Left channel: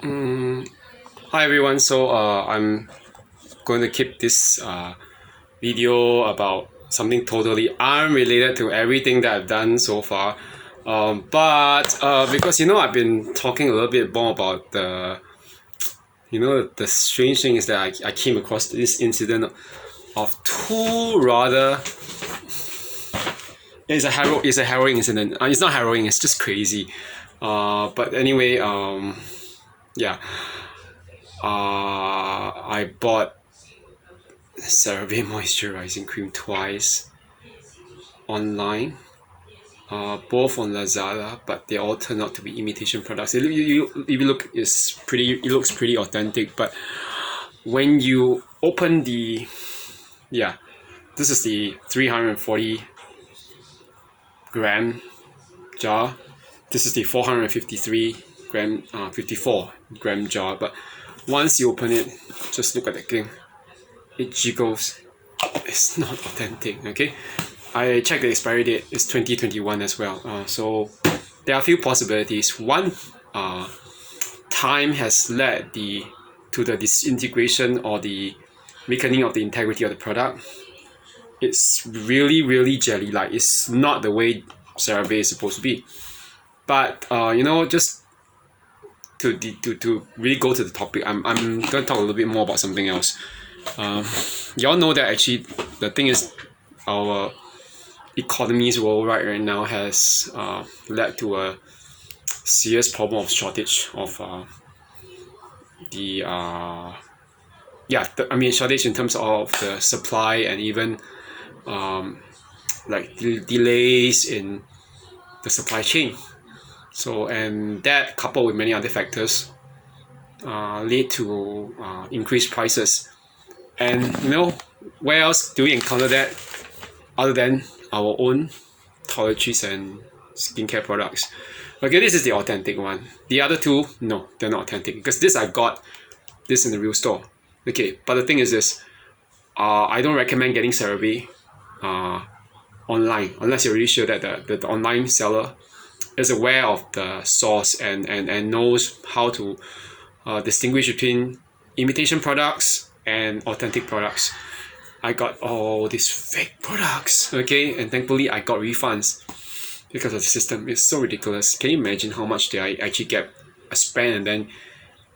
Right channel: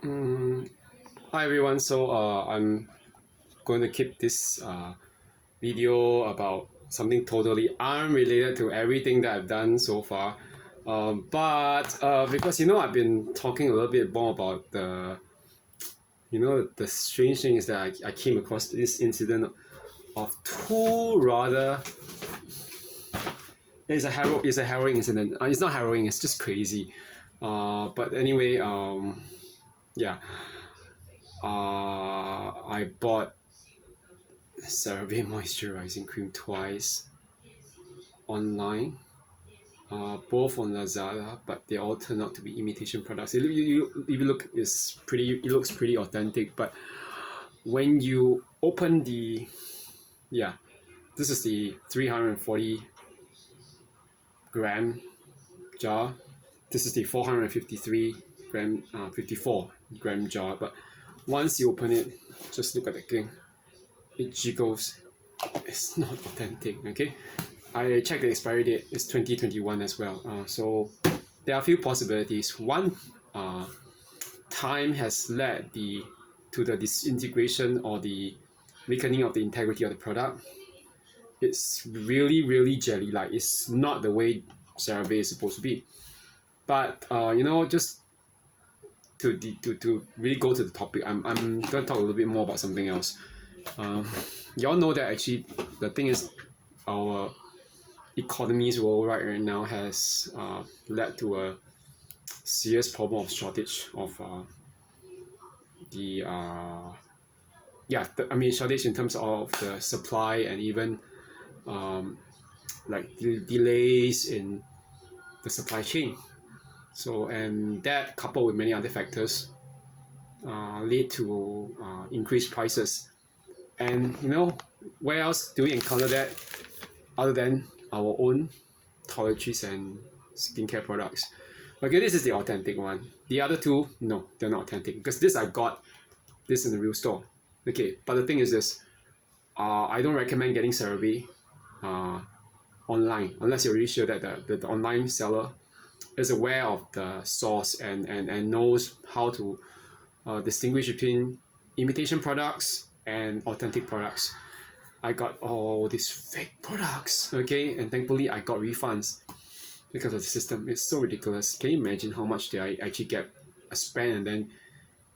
Hi everyone. I'm going to keep this video about something totally unrelated to everything that I've done so far. But because I've been talking a little bit more about the strange thing is that I came across this incident of two rather it's a harrowing incident. It's not harrowing. It's just crazy. But anyway, yeah. I bought Cerave Moisturizing Cream twice online, both on Lazada, but they all turned out to be imitation products. If you look, it looks pretty authentic, but when you open yeah, this is the 340 gram jar. This is the 453 gram, 54 gram jar. But once you open it, just look at the thing. It jiggles. It's not authentic. Okay, I checked the expiry date. It's 2021 as well. So there are a few possibilities. One, time has led to the disintegration or the weakening of the integrity of the product. It's really jelly-like. It's not the way CeraVe is supposed to be. But just to really go to the topic, I'm going to talk a little bit more about something else. Y'all know that actually the thing is, our economies worldwide right now has led to a serious problem of shortage of the shortage in terms of the supply, and even like delays in the supply chain. So, and that coupled with many other factors lead to increased prices. And where else do we encounter that other than our own toiletries and skincare products? Okay, this is the authentic one. The other two, no, they're not authentic, because I got this in the real store. Okay, but the thing is this, I don't recommend getting CeraVe online unless you're really sure that the online seller is aware of the source and knows how to distinguish between imitation products and authentic products. I got all these fake products, okay, and thankfully I got refunds because of the system. It's so ridiculous. Can you imagine how much did I actually get a spend and then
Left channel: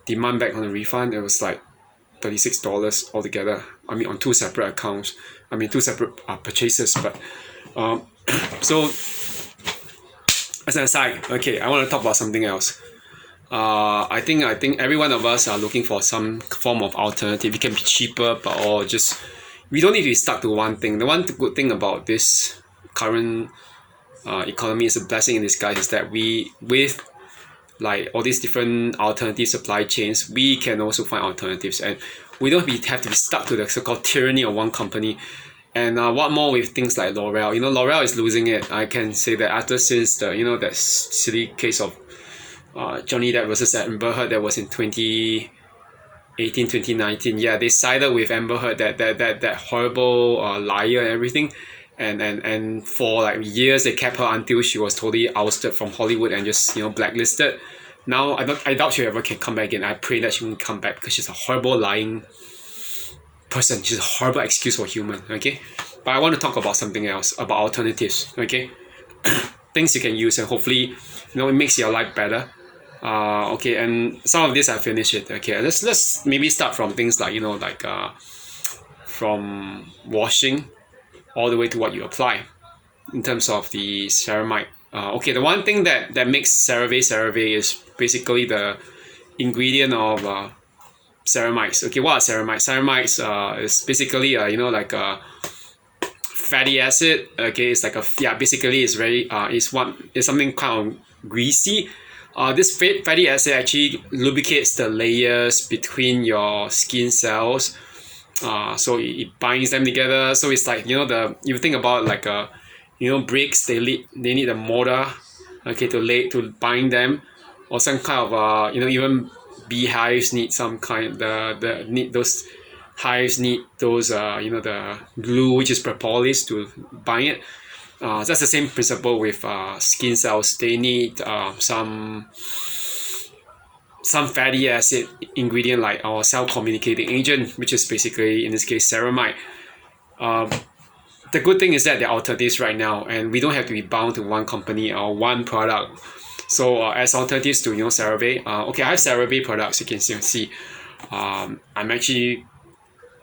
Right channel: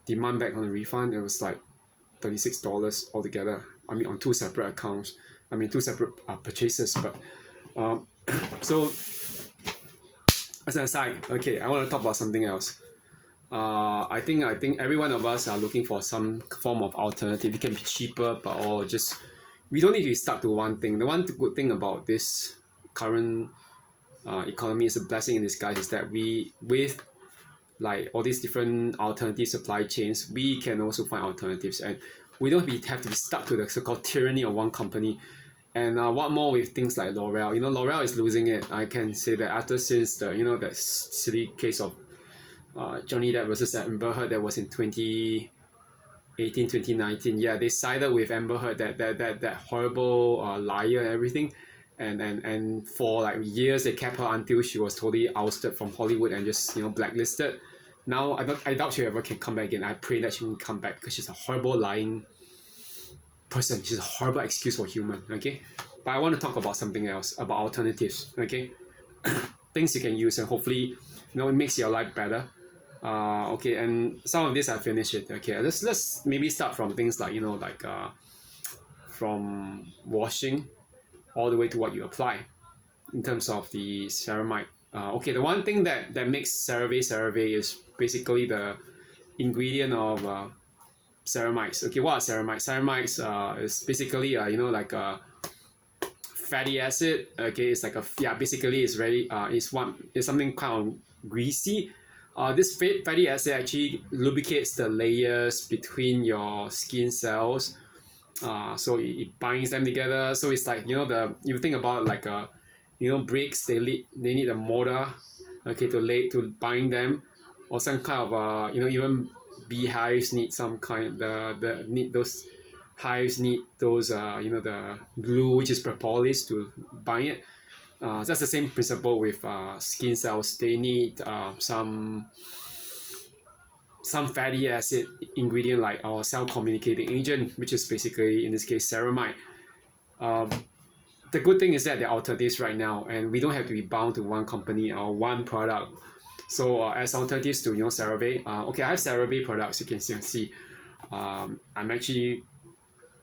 demand back on the refund? It was like $36 altogether. I mean, on two separate accounts. I mean, two separate purchases. But so as an aside, okay, I want to talk about something else. I think every one of us are looking for some form of alternative. It can be cheaper, but or just we don't need to be stuck to one thing. The one good thing about this current economy is a blessing in disguise, is that with like all these different alternative supply chains, we can also find alternatives, and we don't have to be stuck to the so-called tyranny of one company. And what more with things like L'Oreal? L'Oreal is losing it. I can say that after since the that silly case of Johnny Depp versus Amber Heard that was in 2018, 2019. Yeah, they sided with Amber Heard, that horrible liar and everything. And for like years they kept her until she was totally ousted from Hollywood and just blacklisted. Now I doubt she ever can come back again. I pray that she won't come back, because she's a horrible lying person. She's a horrible excuse for human. Okay, but I want to talk about something else, about alternatives. Okay, things you can use, and hopefully it makes your life better. Okay, and some of this I finished it. Okay, let's maybe start from things like from washing all the way to what you apply in terms of the ceramide. Okay, the one thing that makes CeraVe is basically the ingredient of ceramides. Okay, what are ceramides? Ceramides is basically like a fatty acid. Okay, it's like basically it's very it's something kind of greasy. This fatty acid actually lubricates the layers between your skin cells. So it binds them together. So it's like you think about like bricks, they need a mortar, okay, to bind them, or some kind of even beehives need some kind the need those hives need those the glue, which is propolis, to bind it. That's the same principle with skin cells. They need some some fatty acid ingredient like our cell communicating agent, which is basically in this case ceramide. The good thing is that there are alternatives right now, and we don't have to be bound to one company or one product. So as alternatives to CeraVe, okay, I have CeraVe products. You can see, I'm actually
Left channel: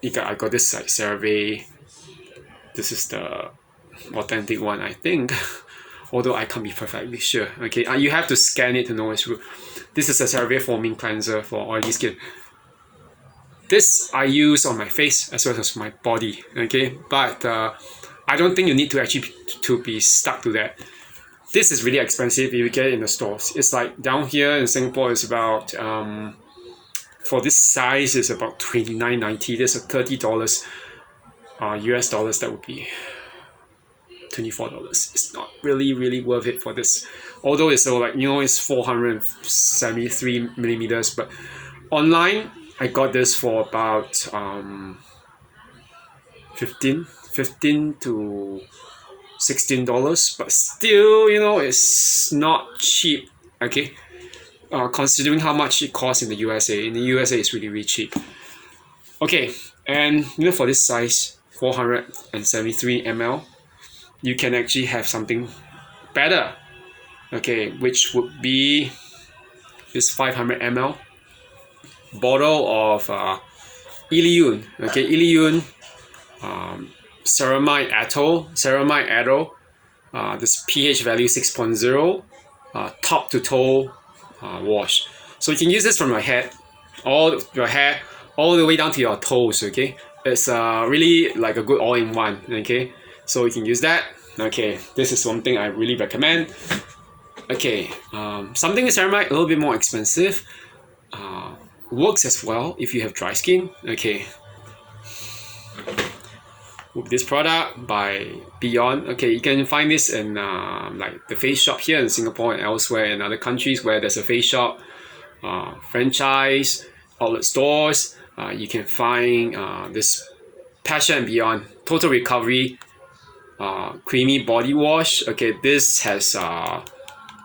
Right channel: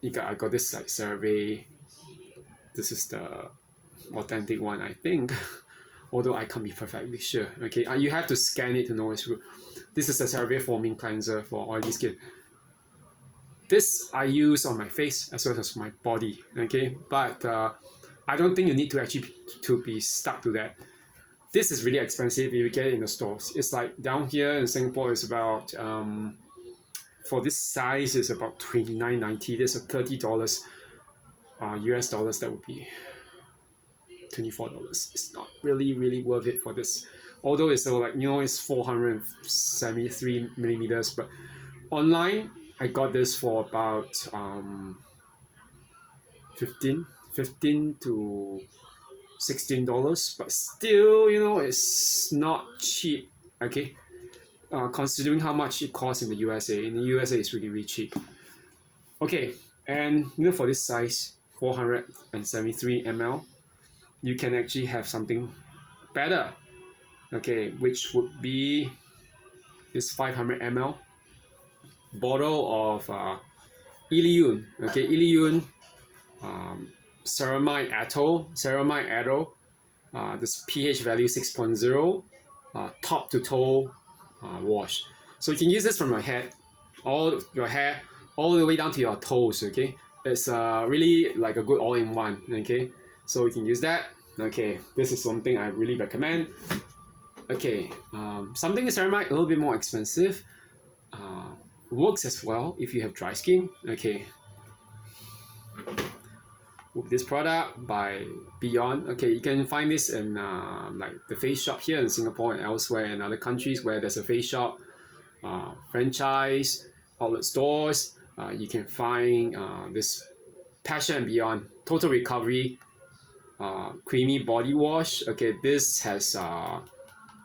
I got this like CeraVe. This is the authentic one, I think. Although I can't be perfectly sure. Okay, you have to scan it to know it's true. This is a CeraVe foaming cleanser for oily skin. This I use on my face as well as my body. Okay, but I don't think you need to actually be stuck to that. This is really expensive if you get it in the stores. It's like down here in Singapore, it's about for this size is about $29.90. There's a $30 US dollars. That would be $24. It's not really worth it for this. Although it's so like it's 473 millimeters, but online I got this for about 15 to $16, but still it's not cheap. Okay, considering how much it costs in the USA. In the USA it's really cheap. Okay, and for this size 473 ml, you can actually have something better. Okay, which would be this 500 ml bottle of Illiyoon. Okay, Illiyoon Ceramide ATO. This pH value 6.0, top to toe wash. So you can use this from your head, all the way down to your toes. Okay, it's really like a good all-in-one. Okay, so you can use that. Okay, this is one thing I really recommend. Okay, something with ceramide a little bit more expensive. Works as well if you have dry skin. Okay, with this product by Beyond. Okay, you can find this in like the face shop here in Singapore and elsewhere in other countries where there's a face shop, franchise, outlet stores. You can find this Passion and Beyond Total Recovery creamy body wash. Okay, this has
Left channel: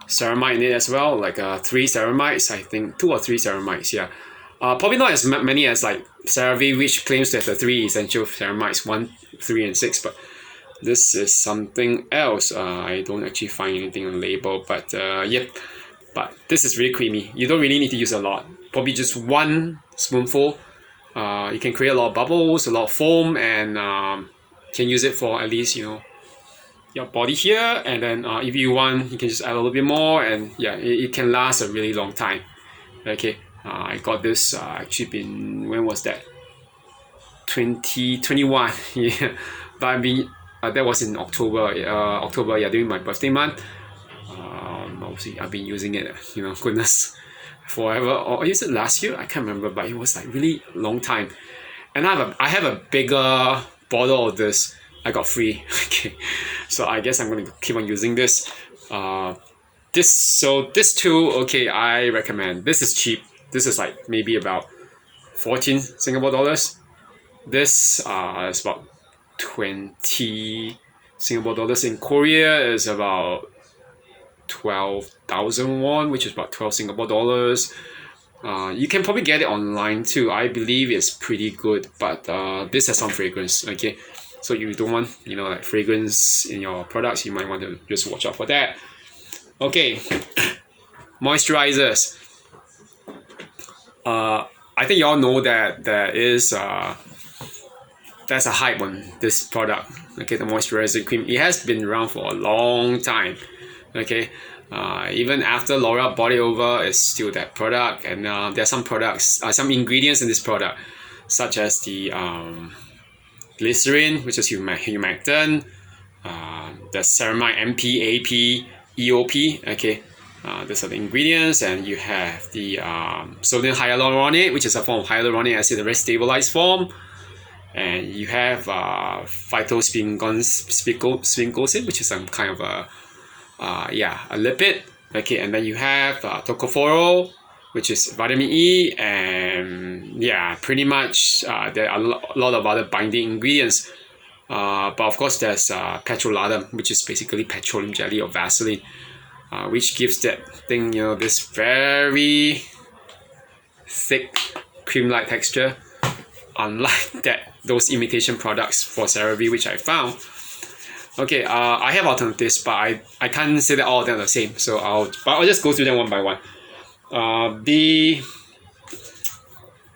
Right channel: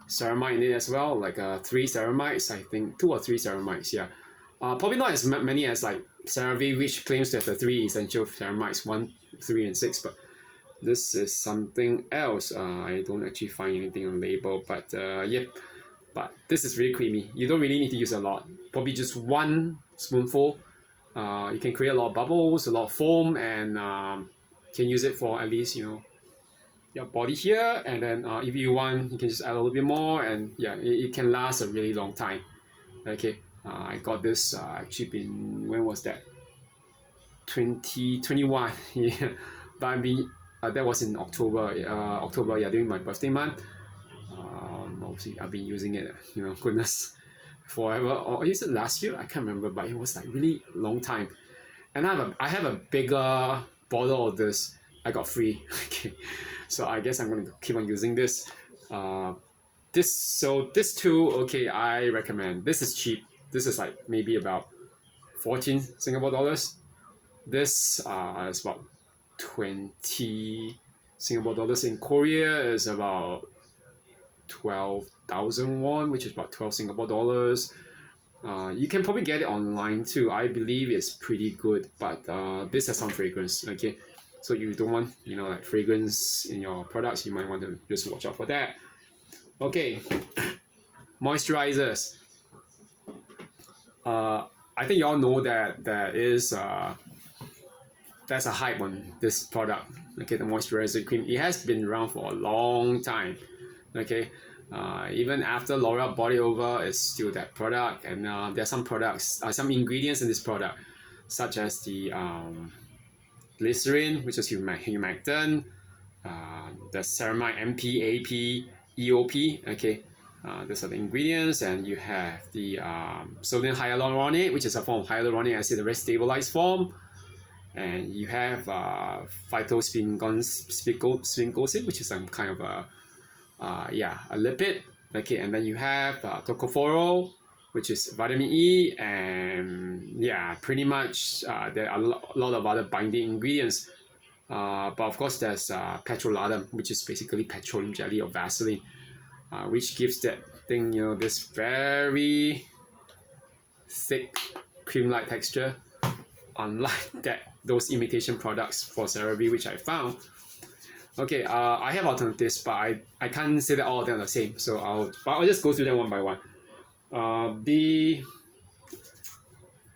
ceramide in it as well, like 3 ceramides, I think 2 or 3 ceramides. Yeah, probably not as many as like CeraVe, which claims to have the 3 essential ceramides, 1, 3, and 6. But this is something else. I don't actually find anything on the label, but yep. But this is really creamy. You don't really need to use a lot. Probably just 1 spoonful. You can create a lot of bubbles, a lot of foam, and can use it for at least your body here. And then if you want, you can just add a little bit more, and yeah, it can last a really long time. Okay, I got this actually been, when was that? 2021. Yeah, but I've been that was in October. Yeah, during my birthday month. Obviously I've been using it. Goodness, forever. Or is it last year? I can't remember, but it was like really long time. And I have a bigger bottle of this. I got free. Okay, so I guess I'm going to keep on using this. This too. Okay, I recommend. This is cheap. This is like maybe about 14 Singapore dollars. This is about 20 Singapore dollars. In Korea is about 12,000 won, which is about 12 Singapore dollars. You can probably get it online too. I believe it's pretty good, but this has some fragrance. Okay, so you don't want like fragrance in your products, you might want to just watch out for that. Okay, moisturizers. I think you all know that there's a hype on this product. Okay, the moisturizing cream. It has been around for a long time. Okay, even after L'Oreal bought it over, it's still that product. And there are some products, some ingredients in this product, such as the glycerin, which is humectant, the ceramide MP, AP, EOP. Okay, these are the ingredients, and you have the sodium hyaluronate, which is a form of hyaluronic acid, a very stabilized form. And you have phytosphingosine, which is some kind of a lipid. Okay, and then you have tocopherol, which is vitamin E, and yeah, pretty much there are a lot of other binding ingredients. But of course, there's petrolatum, which is basically petroleum jelly or Vaseline, which gives that thing this very thick cream-like texture, unlike those imitation products for CeraVe which I found. Okay, I have alternatives, but I can't say that all of them are the same. So I'll just go through them one by one.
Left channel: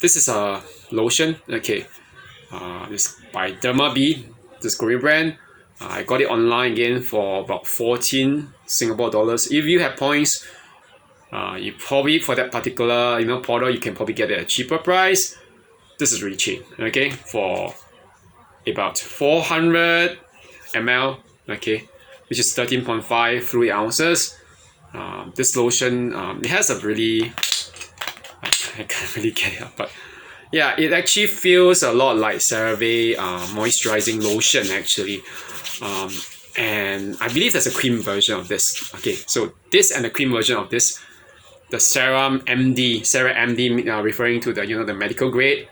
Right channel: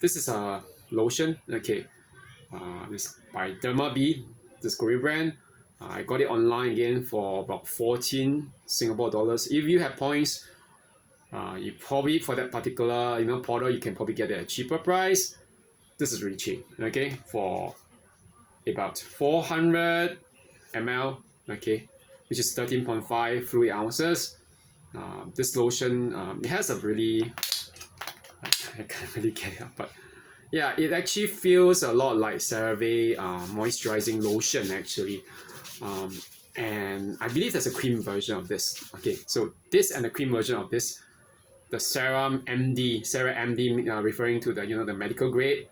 This is a lotion. Okay, this by Derma, this Korean brand. I got it online again for about 14 Singapore dollars. If you have points, you probably for that particular product you can probably get it at a cheaper price. This is really cheap. Okay, for about 400 ml. Okay, which is 13.5 fluid ounces. This lotion it has a really I can't really get it up, but yeah, it actually feels a lot like Cerave moisturizing lotion actually. And I believe there's a cream version of this. Okay, so this and the cream version of this, the Cera MD, referring to the the medical grade,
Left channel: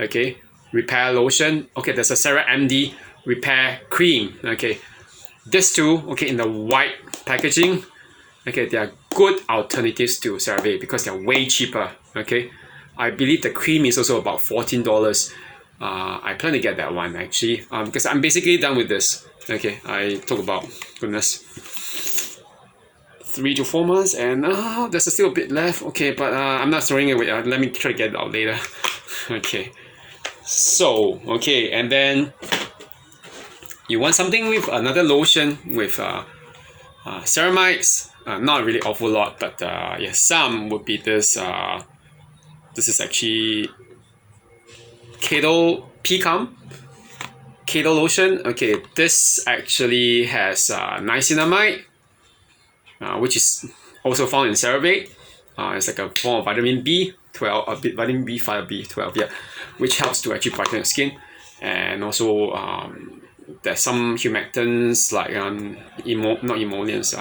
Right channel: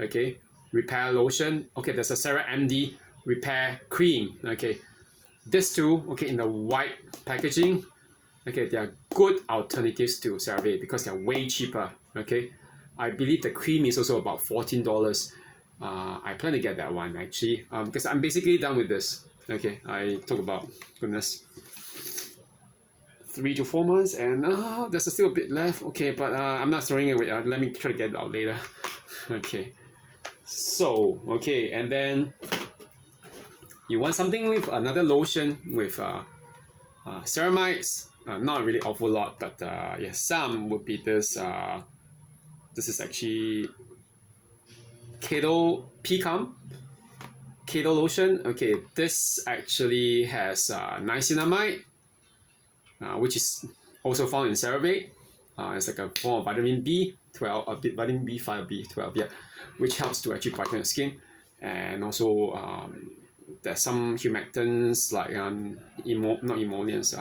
okay, repair lotion. Okay, there's a Cera MD repair cream. Okay, these two, okay, in the white packaging, okay, they are good alternatives to CeraVe because they're way cheaper. Okay, I believe the cream is also about $14. I plan to get that one actually, because I'm basically done with this. Okay, I took about, goodness, 3 to 4 months, and there's still a bit left. Okay, but I'm not throwing it away. Let me try to get it out later. Okay, so okay, and then you want something with another lotion with ceramides. Not really awful lot, but yeah, some would be this. This is actually Cato lotion. Okay, this actually has niacinamide, which is also found in CeraVe. It's like a form of vitamin B12, vitamin B5, B12, yeah, which helps to actually brighten the skin. And also there's some humectants like not emollients,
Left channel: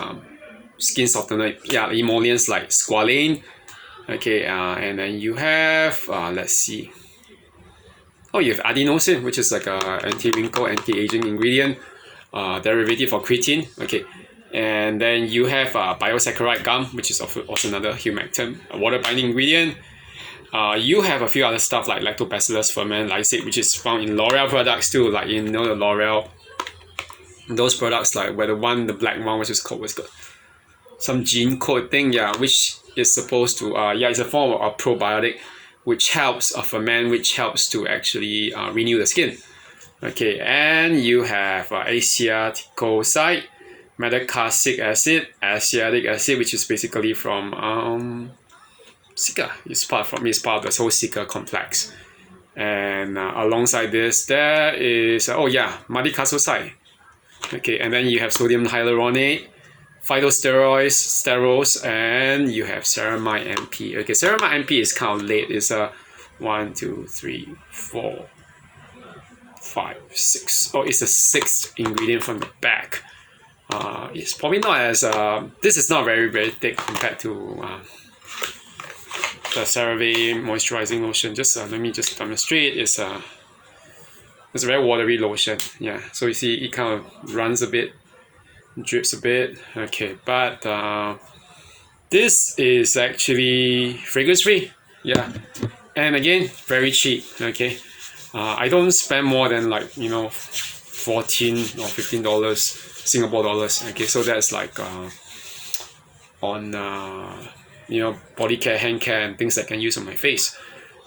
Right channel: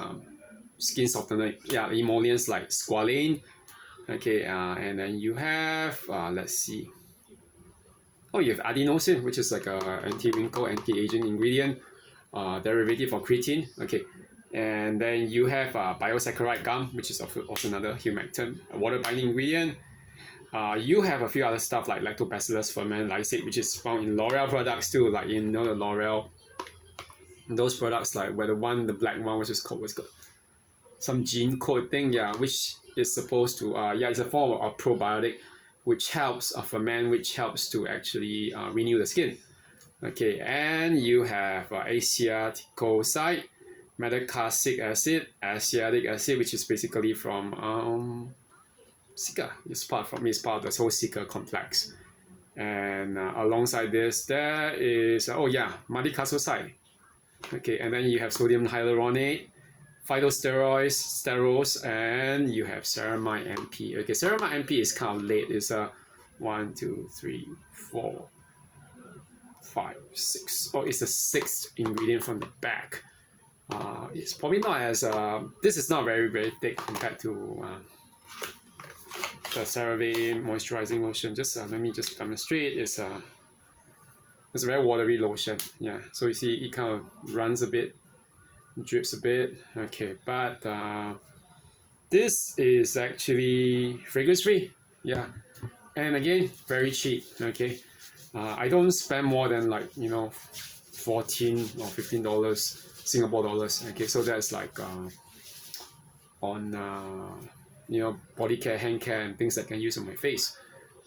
skin softener, yeah, emollients like squalane. Okay, and then you have let's see. Oh, you have adenosine, which is like a anti-wrinkle, anti-aging ingredient, derivative of creatine. Okay, and then you have biosaccharide gum, which is also another humectant, a water-binding ingredient. You have a few other stuff like lactobacillus ferment lysate, which is found in L'Oreal products too, like the L'Oreal, those products like the black one, which is called some gene code thing, yeah, which is supposed to it's a form of a probiotic which helps ferment, which helps to actually renew the skin. Okay, and you have acetoicoside, metacasic acid, acetic acid, which is basically from Cica. It's part of the whole Cica complex. And alongside this, there is madecassoside. Okay, and then you have sodium hyaluronate, phytosteroids, sterols, and you have ceramide MP. Okay, ceramide MP is kind of late. It's a 1, 2, 3, 4, 5, 6. Oh, it's the 6th ingredient from the back. It's probably not as this is not very thick compared to the CeraVe moisturizing lotion. Just let me just demonstrate. It's a very watery lotion. Yeah, so you see it kind of runs a bit, drips a bit. Okay, but this is actually fragrance free. Yeah, and again, very cheap. Okay, I don't spend more than like $14 or $15 Singapore dollars. Okay, so that's like on body care, hand care, and things that I can use on my face.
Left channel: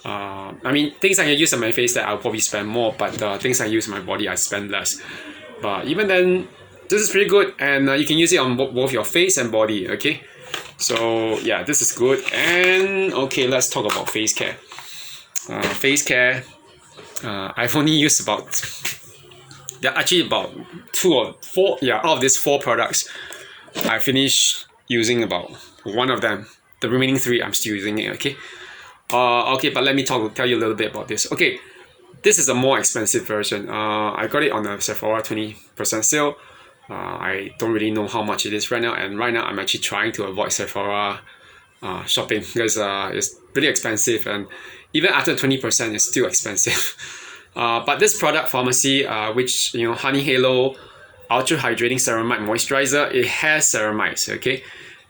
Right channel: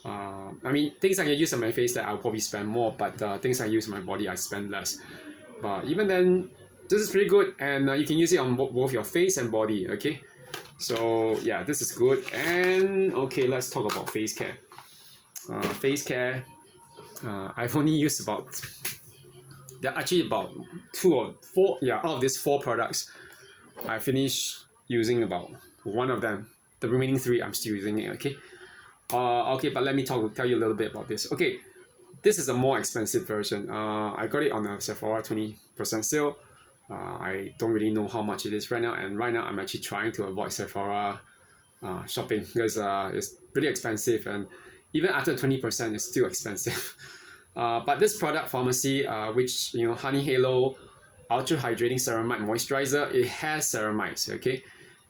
I mean, things I can use on my face that I'll probably spend more, but things I use on my body I spend less. But even then, this is pretty good, and you can use it on both your face and body. Okay, so yeah, this is good. And okay, let's talk about face care. Face care, I've only used about actually about 2 or 4. Yeah, out of these 4 products, I finished using about 1 of them. The remaining 3 I'm still using it. Okay. Okay, but let me tell you a little bit about this. Okay, this is a more expensive version. I got it on a Sephora 20% sale. I don't really know how much it is right now, and right now I'm actually trying to avoid Sephora shopping because it's really expensive, and even after 20% it's still expensive. But this product pharmacy, which Honey Halo Ultra Hydrating Ceramide Moisturizer, it has ceramides. Okay,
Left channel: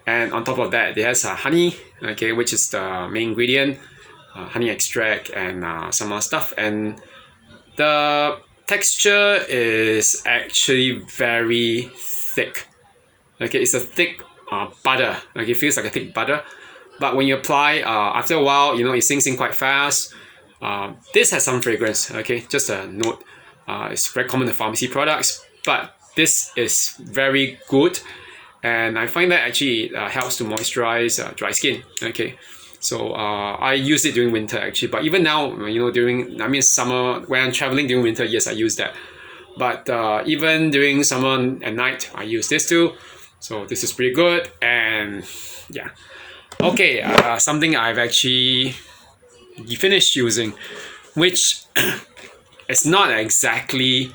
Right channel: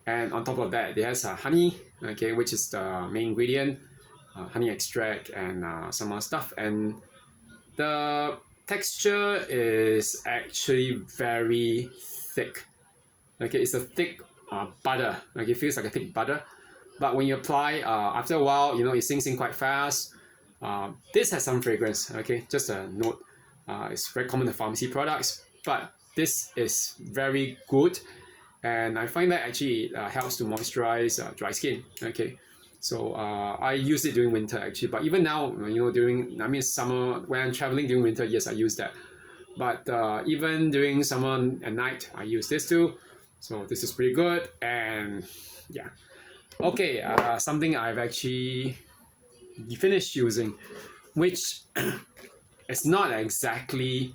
and on top of that, it has honey. Okay, which is the main ingredient. honey extract and some other stuff. And the texture is actually very thick. Okay, it's a thick butter. Okay, it feels like a thick butter. But when you apply, after a while, you know, it sinks in quite fast. This has some fragrance. Okay, just a note. It's very common in pharmacy products, but this is very good, and I find that actually helps to moisturize dry skin. Okay, so I use it during winter actually, but even now, you know, during summer when I'm traveling during winter, yes, I use that. But even during summer at night, I use this too. So this is pretty good, and yeah. Okay, something I've actually finished using, which is not exactly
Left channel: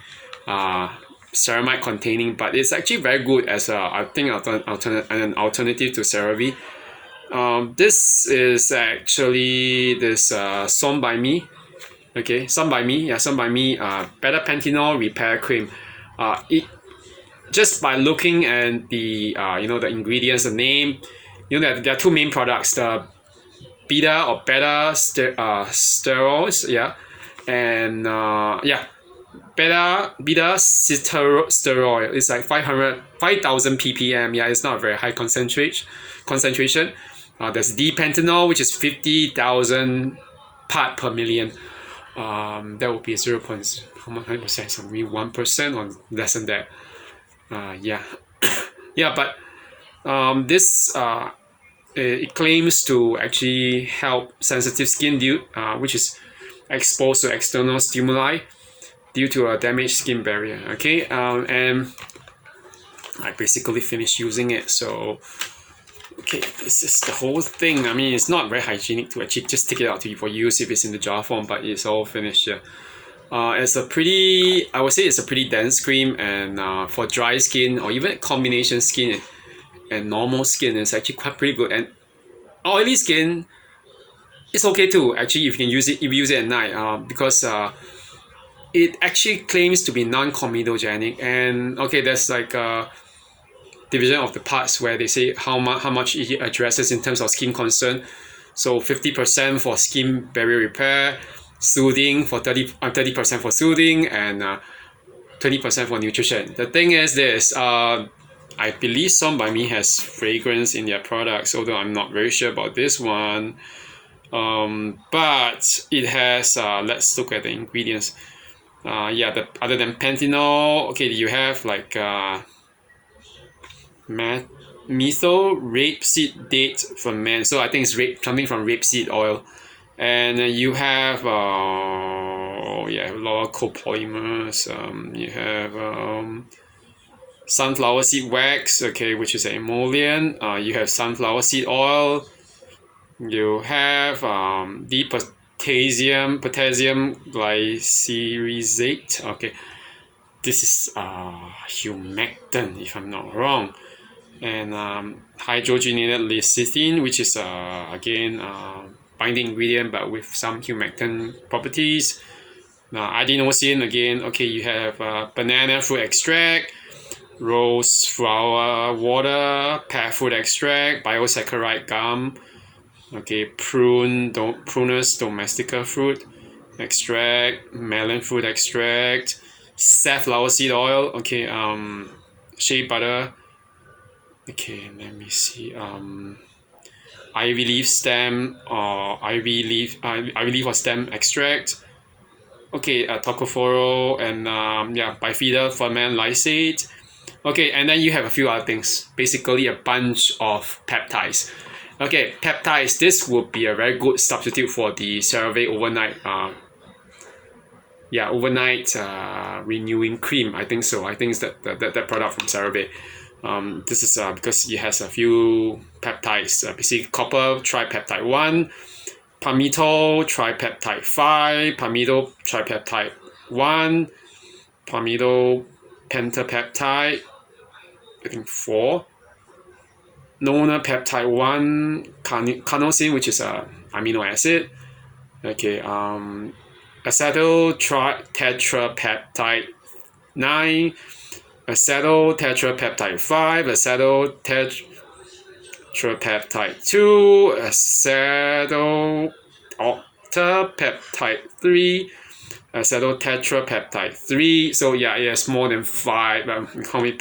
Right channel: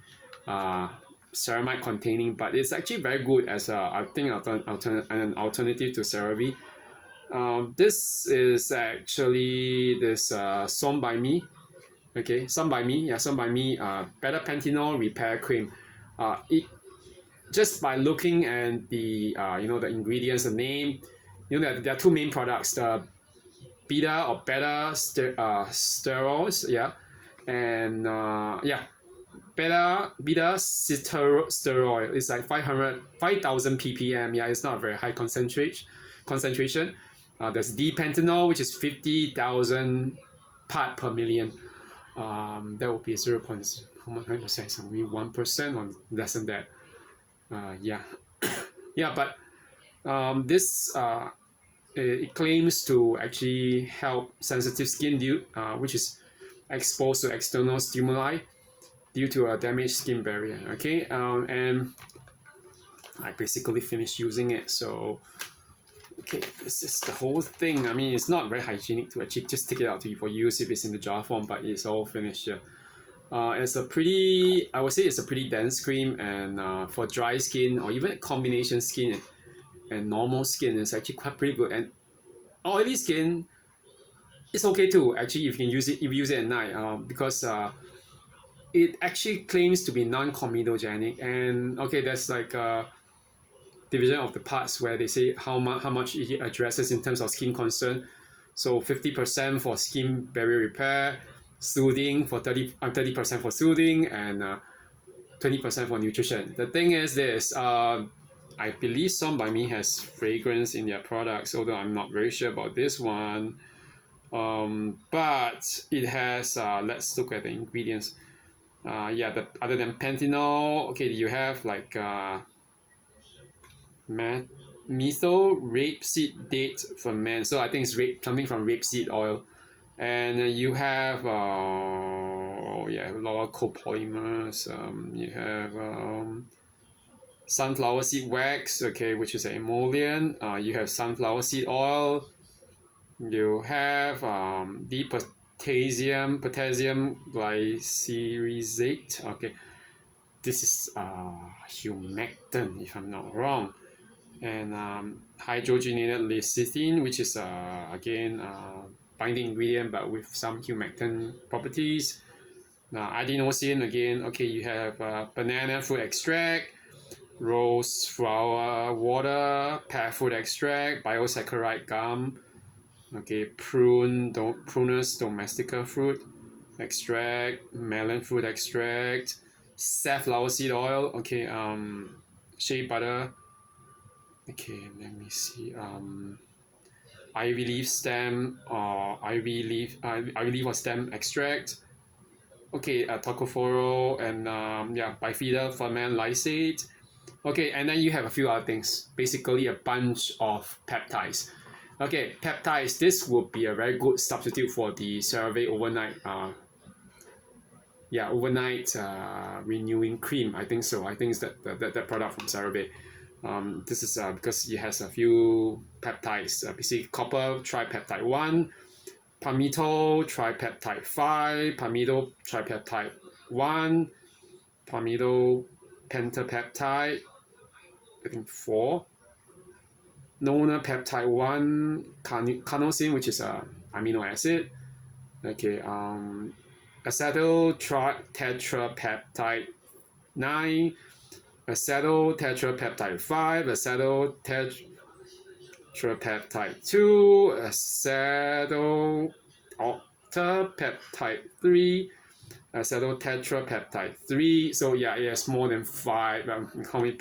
ceramide containing, but it's actually very good as I think an alternative to CeraVe. This is actually this SomeByMi. Okay, SomeByMi, yeah, SomeByMi Better Panthenol Repair Cream. It just by looking at the you know, the ingredients, the name, you know, there are two main products: the beta sterols, yeah, and yeah, beta steroid is like 5,000 ppm. Yeah, it's not a very high concentration. There's D-Panthenol, which is 50,000 part per million. That would be 0.1%, so maybe 1% or less than that. Yeah, yeah, but this it claims to actually help sensitive skin which is exposed to external stimuli due to a damaged skin barrier. Okay, and I basically finished using it. So okay, this is the whole thing. I mean, it's not very hygienic to actually just take it out for use if it's in the jar form, but it's all finished here. It's a pretty, I would say it's a pretty dense cream, and for dry skin or even combination skin and normal skin, it's actually quite pretty good. And oily skin, it's okay too. Actually, if you can use it, if you use it at night, because it actually claims to be non-comedogenic. And okay, there's like a division of the parts where they say how much it addresses in terms of skin concern. So 50% for skin barrier repair, soothing for 30% for soothing, and 20% for nutrition. The thing is this, I believe SomeByMi has fragrance in their products, although I'm not very sure about this one. But it has, let's look at the ingredients. Yeah, other than Panthenol, okay, you have like methyl rapeseed date ferment. So I think it's something from rapeseed oil. And you have yeah, a lot of copolymers. You have sunflower seed wax, okay, which is an emollient. You have sunflower seed oil. You have the potassium glycerizate. Okay, this is humectant, if I'm not wrong. And hydrogenated lecithin, which is again binding ingredient but with some humectant properties. Adenosine, again, okay, you have banana fruit extract, rose flower water, pear fruit extract, biosaccharide gum, okay, Prunus domestica fruit extract, melon fruit extract, safflower seed oil, okay, shea butter, okay, let me see, ivy leaf stem or ivy leaf or stem extract, okay, tocopherol, and yeah, bifida ferment lysate. Okay, and then you have a few other things, basically a bunch of peptides. Okay, peptides, this would be a very good substitute for the CeraVe overnight yeah, overnight renewing cream. I think so. I think it's that product from CeraVe. This is because it has a few peptides, basically copper tripeptide 1, palmitoyl tripeptide 5, palmitoyl tripeptide 1, palmitoyl pentapeptide, I think 4, nona peptide 1, carnosine, which is a amino acid, okay, acetyl tetrapeptide 9, acetyl tetrapeptide 5, acetyl tetrapeptide 2, acetyl peptide 3, acetotetrapeptide 3. So yeah, it has more than 5. How many?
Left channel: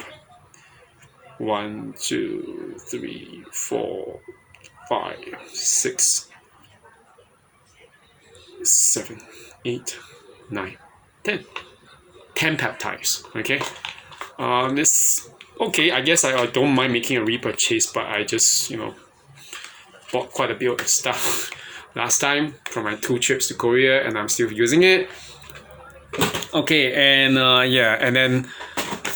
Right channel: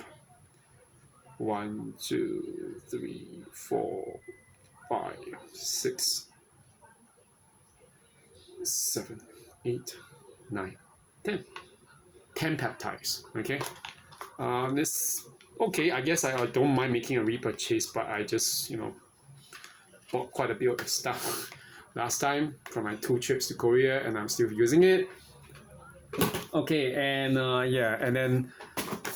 1, 2, 3, 4, 5, 6, 7, 8, 9, 10. 10 peptides. Okay. This okay. I guess I don't mind making a repurchase, but I just bought quite a bit of stuff last time from my 2 trips to Korea, and I'm still using it. Okay, and yeah, and then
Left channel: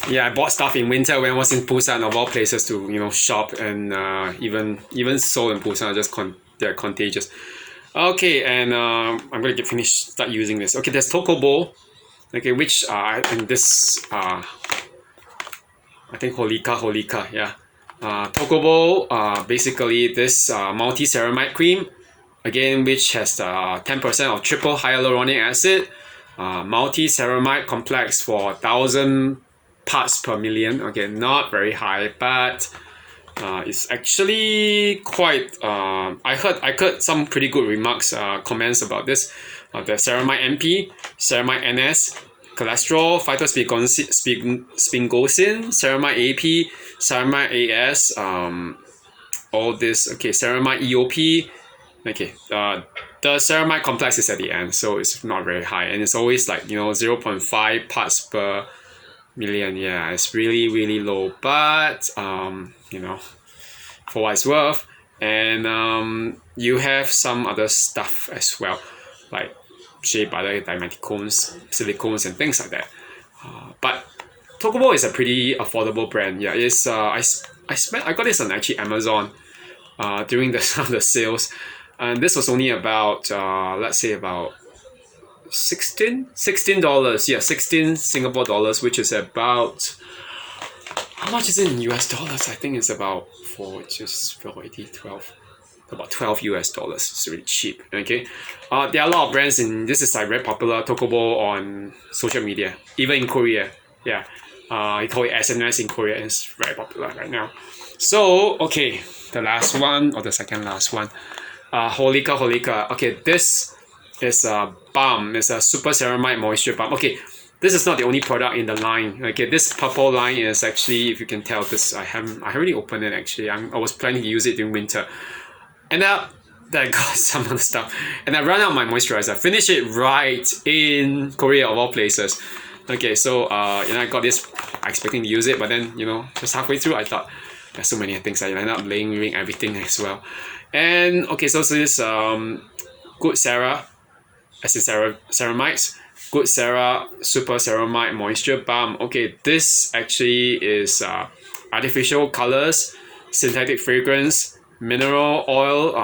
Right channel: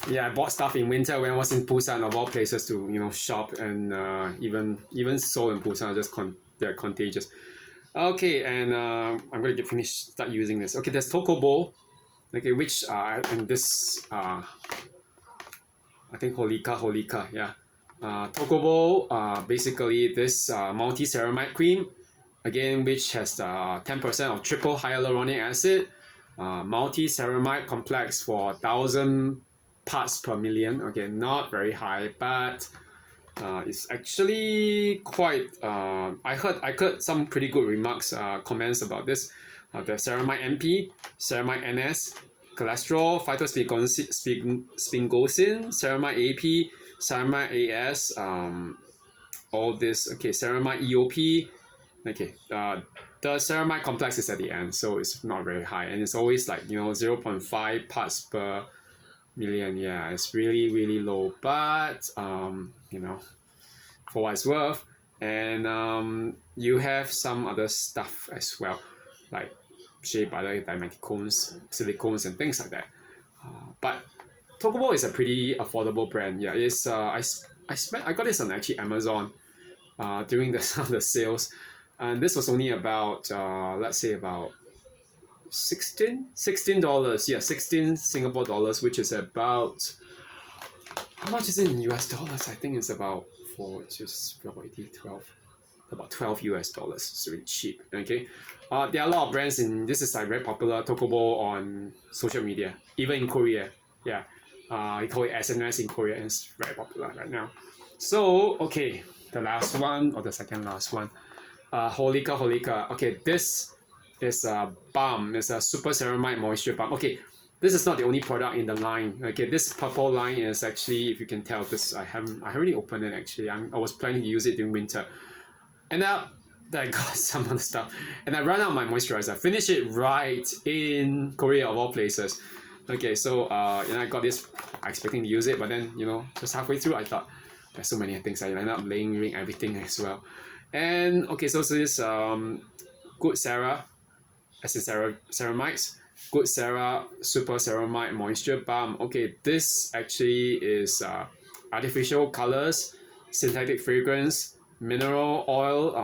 yeah, I bought stuff in winter when I was in Busan, of all places, to shop, and even Seoul and Busan are just they're contagious. Okay, and I'm gonna start using this. Okay, there's Tocobo. Okay, which and this I think Holika, yeah. Tocobo, basically this multi-ceramide cream, again, which has 10% of triple hyaluronic acid, multi-ceramide complex for 1,000 parts per million. Okay, not very high, but it's actually quite. I heard some pretty good remarks, comments about this. The ceramide MP, ceramide NS, cholesterol, phytosphingosine, ceramide AP, ceramide AS, all this. Okay, ceramide EOP. Okay, the ceramide complex is at the end, so it's not very high, and it's always like 0.5 parts per million. Yeah, it's really low, but for what it's worth. And you have some other stuff as well, like shea butter, dimeticones, silicones, and things like that. But Tocobo is a pretty affordable brand. Yeah, it's I got this on actually Amazon during the sales, and this was only about let's say about $16. Yeah, 16 Singapore dollars, which is about, how much is it in US dollars? I think it's about about 12 US dollars. It's really cheap. Okay, there are a lot of brands this is like very popular, Tocobo, on social media, even in Korea. Yeah, you call it SNS in Korea, and it's very popular right now. So okay, the last one, or the second last one, Holika. Okay, this is a balm. It's a super ceramide moisture balm. Okay, this is not the only product in the line. Okay, this purple line is actually, if you can tell, this I haven't really opened it actually. I was planning to use it during winter, and I got some other stuff, and I ran out of my moisturizer. Finished it right in Korea, of all places. Okay, so I got this expecting to use it, but then just halfway through I thought there's so many things, I ended up layering everything as well. And okay, so this Good Cera, as in ceramides, Good Cera Super Ceramide Moisture Balm. Okay, this actually is artificial colors, synthetic fragrance, mineral oil,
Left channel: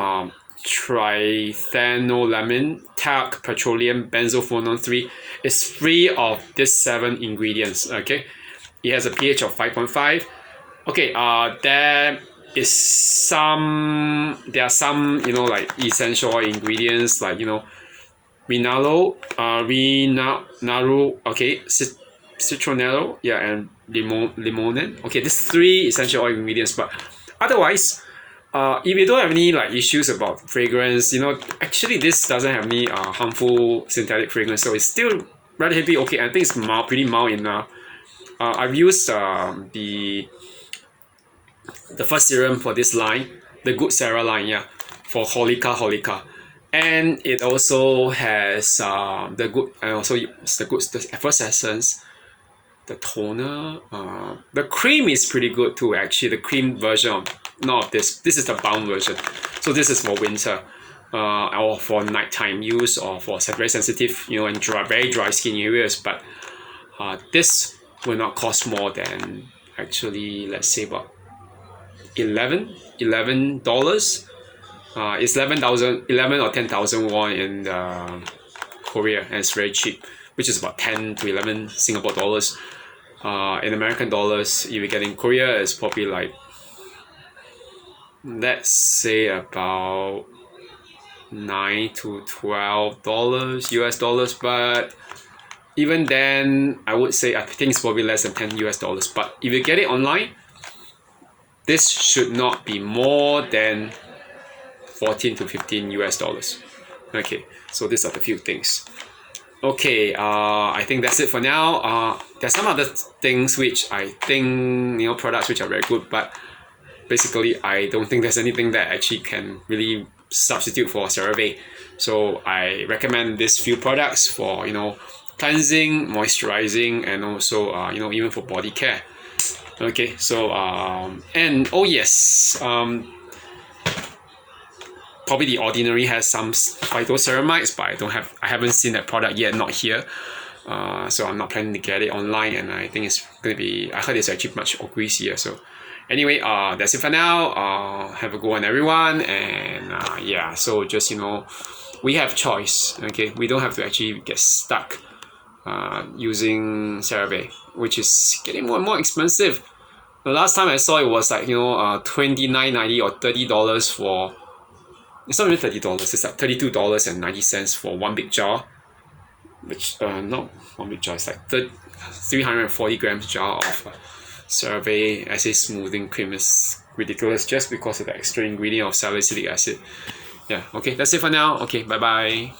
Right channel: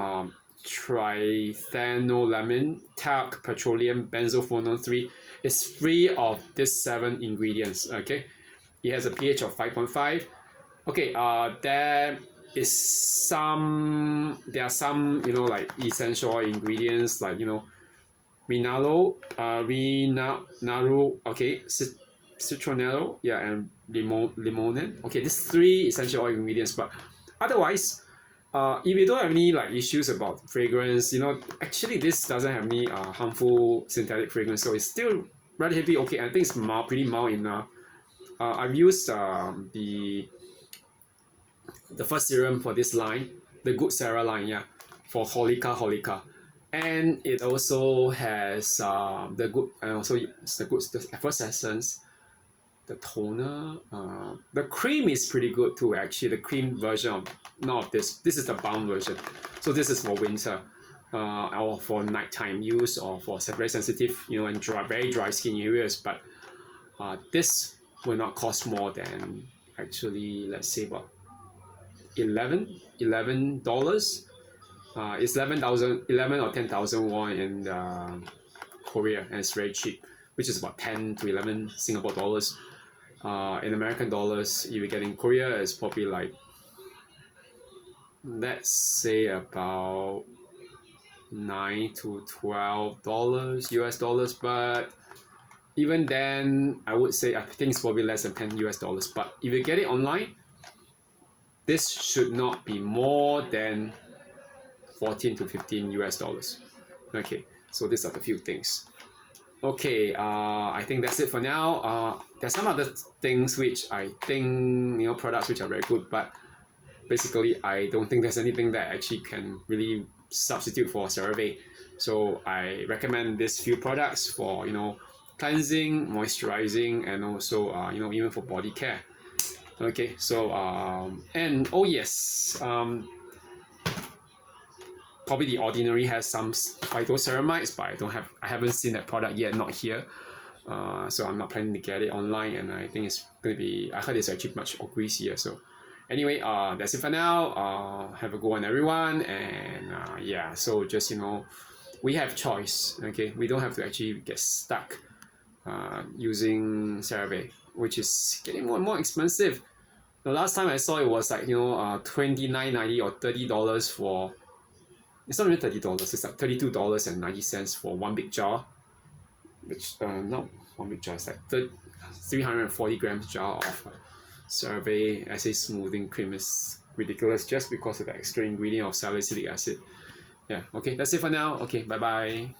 trithanolamine, talc, petroleum, benzophenone 3. It's free of these 7 ingredients. Okay, it has a pH of 5.5. Okay, there are some like essential oil ingredients, like Rinalo, okay, citronello, yeah, and limonen. Okay, these 3 essential oil ingredients, but otherwise, if you don't have any like issues about fragrance, actually this doesn't have any harmful synthetic fragrance, so it's still relatively okay. I think it's pretty mild enough. I've used the first serum for this line, the Good Cera line, yeah, for Holika, and it also has the good, and also the first essence, the toner, the cream is pretty good too. Actually, the cream version of, not of this is the balm version, so this is for winter, or for nighttime use, or for very sensitive and very dry skin areas. But this will not cost more than, actually, let's say about $11. It's 11 or 10,000 won in Korea, and it's very cheap, which is about 10 to 11 Singapore dollars. In American dollars, if you get in Korea, it's probably like, let's say about $9 to $12 US dollars. But even then, I would say I think it's probably less than 10 US dollars. But if you get it online, this should not be more than 14 to 15 US dollars. Okay, so these are the few things. Okay, I think that's it for now. There's some other things which I think, products which are very good, but basically I don't think there's anything that actually can really substitute for CeraVe. So I recommend these few products for cleansing, moisturizing, and also even for body care. Okay, so and oh yes, probably The Ordinary has some phytoceramides, but I haven't seen that product yet, not here. So I'm not planning to get it online, and I think it's gonna be. I heard it's actually much more greasier. So anyway, that's it for now. Have a good one, everyone, and yeah. So just we have choice. Okay, we don't have to actually get stuck using CeraVe, which is getting more and more expensive. The last time I saw it was like $29.90 or $30 for. It's not even $30. It's like $32.90 for one big jar, which not one big jar. It's like 340 grams jar of CeraVe Acid Smoothing Cream. Is ridiculous just because of the extra ingredient of salicylic acid. Yeah. Okay, that's it for now. Okay, bye bye.